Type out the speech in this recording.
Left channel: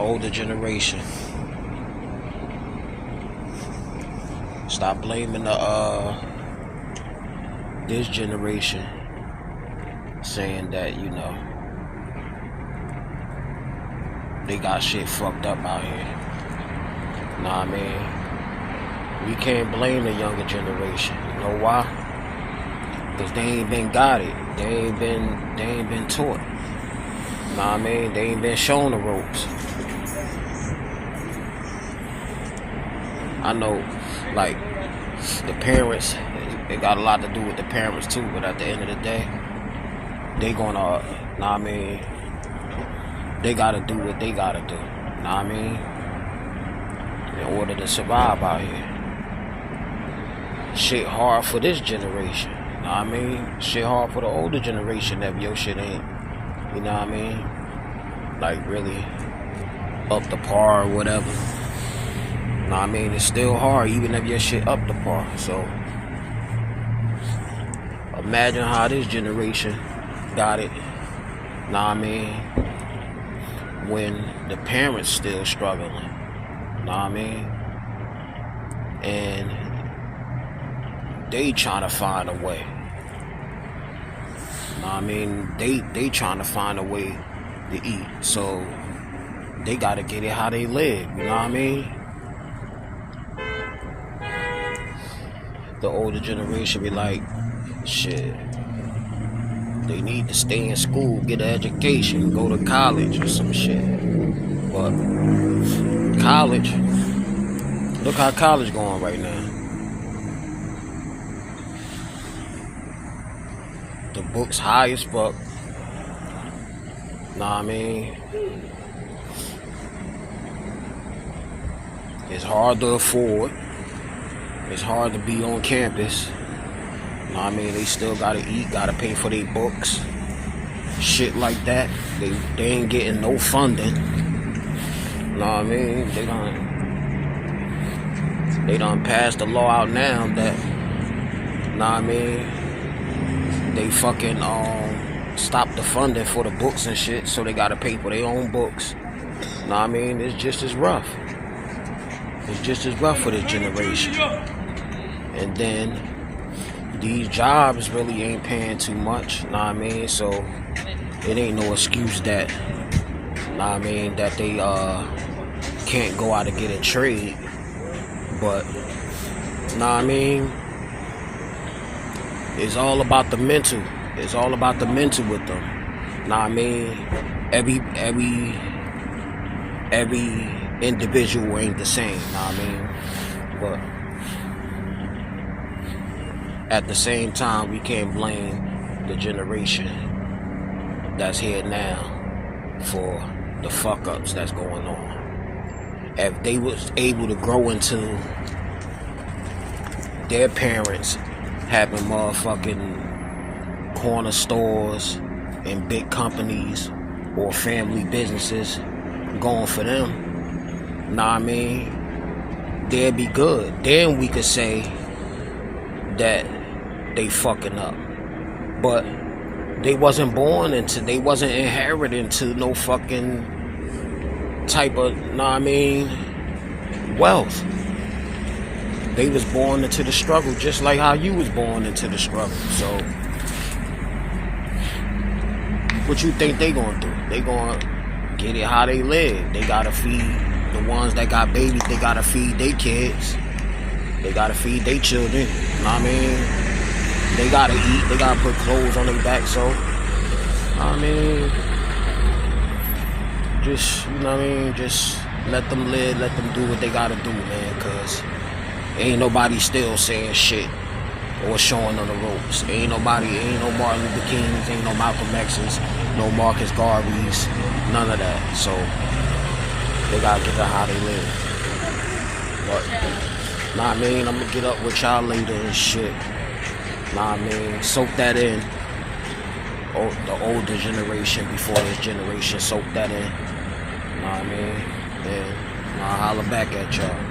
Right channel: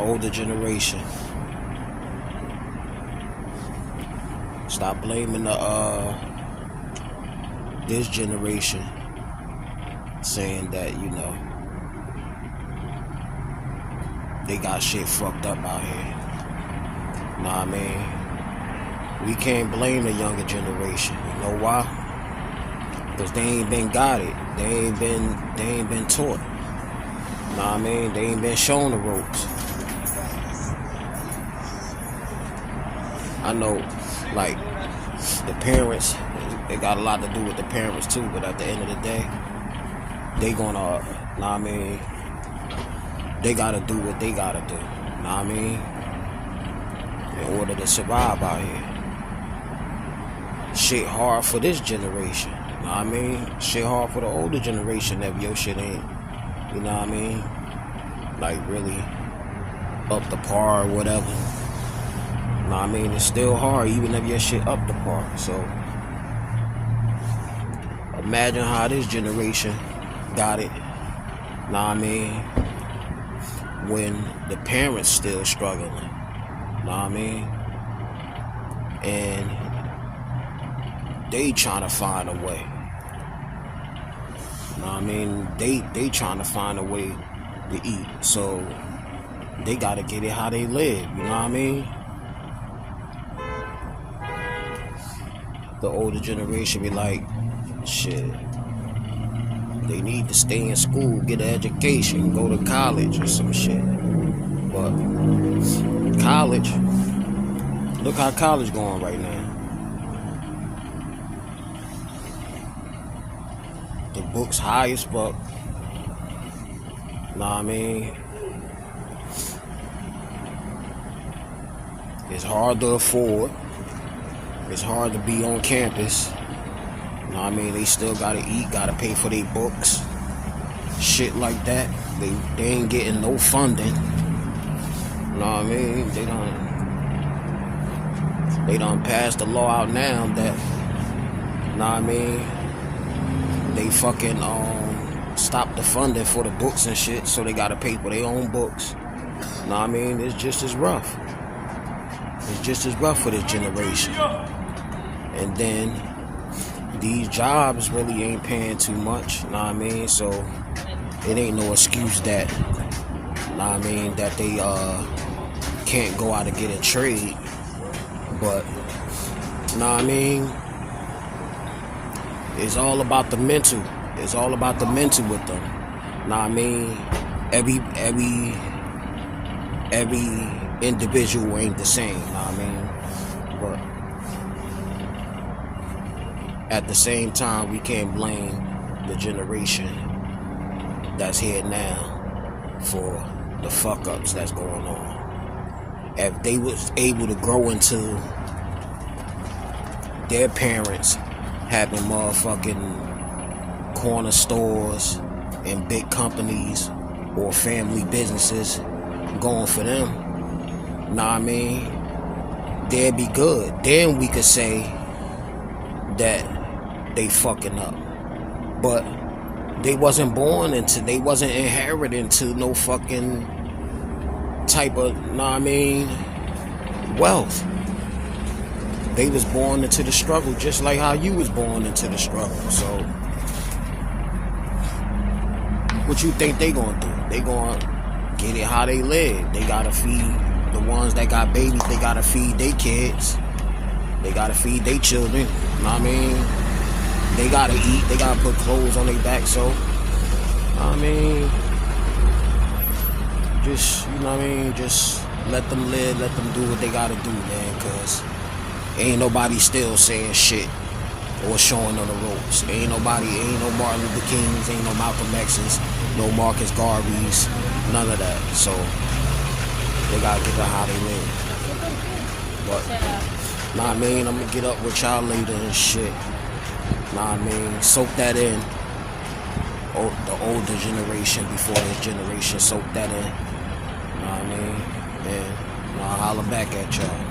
older generation. Stop blaming this generation, saying that, you know, they got shit fucked up out here. Nah, man, we can't blame the younger generation. You know why? Cause they ain't been got it. They ain't been taught. Nah, man, they ain't been shown the ropes. I know, like, the parents, it got a lot to do with the parents too, but at the end of the day, they gonna, nah, I mean, they gotta do what they gotta do, nah, I mean, in order to survive out here. Shit hard for this generation, nah, I mean, shit hard for the older generation if your shit ain't, you know what I mean, like really up to par or whatever. Nah, I mean, it's still hard even if your shit up to par. So imagine how this generation got it. Nah, I mean, when the parents still struggling. Nah, I mean, and they trying to find a way. Nah, I mean, they trying to find a way to eat. So they gotta get it how they live. You know what I mean? The older generation be like, shit, they need to stay in school, get an education, go to college or some shit. But college, look how college going right now. The book's high as fuck. Know what I mean? It's hard to afford. It's hard to be on campus. You know what I mean? They still gotta eat, gotta pay for their books. Shit like that. They ain't getting no funding. You know what I mean? They done passed the law out now that, you know what I mean, they fucking stop the funding for the books and shit, so they gotta pay for their own books. You know what I mean? It's just as rough. It's just as rough for this generation. And then these jobs really ain't paying too much, know what I mean? So it ain't no excuse that, know what I mean, that they can't go out and get a trade. But, know what I mean, it's all about the mental. It's all about the mental with them. Know what I mean? Every individual ain't the same, know what I mean? But at the same time, we can't blame the generation that's here now for the fuck-ups that's going on. If they was able to grow into their parents having motherfucking corner stores and big companies or family businesses going for them, know what I mean, they'd be good. Then we could say that they fucking up. But they wasn't born into, they wasn't inherited into no fucking type of, know what I mean, wealth. They was born into the struggle just like how you was born into the struggle. So what you think they gonna do? They gonna get it how they live. They gotta feed the ones that got babies, they gotta feed their kids. They gotta feed their children. You know what I mean? They gotta eat, they gotta put clothes on their back, so I mean, just, you know what I mean, just let them live, let them do what they gotta do, man, cause ain't nobody still saying shit or showing them the ropes. Ain't no Martin Luther Kings, ain't no Malcolm X's, no Marcus Garveys, none of that. So they gotta give it how they live. But, nah, I mean, I'm gonna get up with y'all later and shit. Nah, I mean, soak that in. The older generation before this generation, soak that in. Nah, I mean, and I'll holler back at y'all.